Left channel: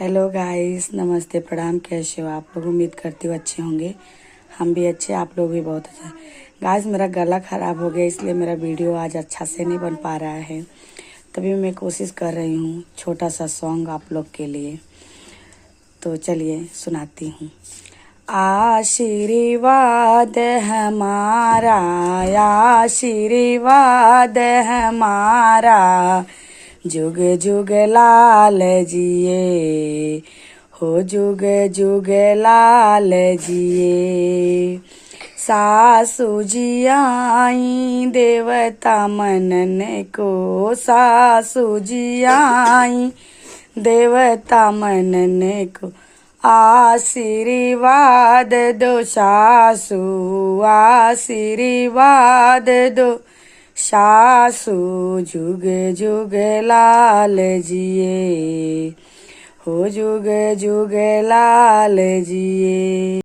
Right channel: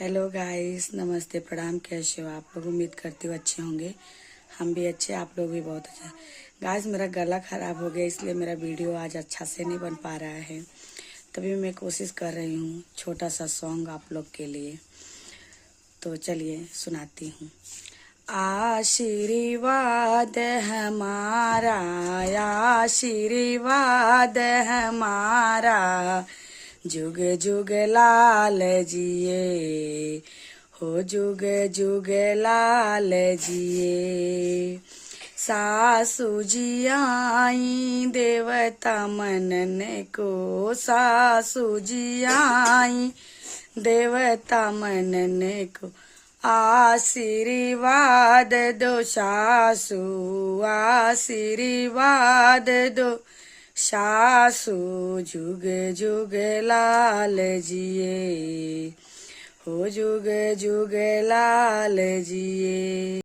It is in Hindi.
हेलो गाइस, नमस्ते, प्रणाम। कैसे हो आप लोग? उम्मीद करती हूँ अच्छे होंगे। हम भी अच्छे, आप लोग भी बहुत अच्छे। गाइस, मेरा गला ख़राब हो गया, इसलिए मेरा वीडियो आज अच्छा से नहीं बन पा रहा है। तभी मैं कोशिश कर रही हूँ छोटा सा सॉन्ग आप लोग के लिए। तो चलिए सुनाती हूँ। आशीर्वाद हमारा, आशीर्वाद हमारा, जुग जुग लाल जिए हो, जुग जुग लाल जिए। सासू जी आई देवता मनन को, सासू जी आई देवता मनन को, आशीर्वाद दो सासू, आशीर्वाद दो सासू, जुग जुग लाल जिए हो, जुग जुग लाल जिए।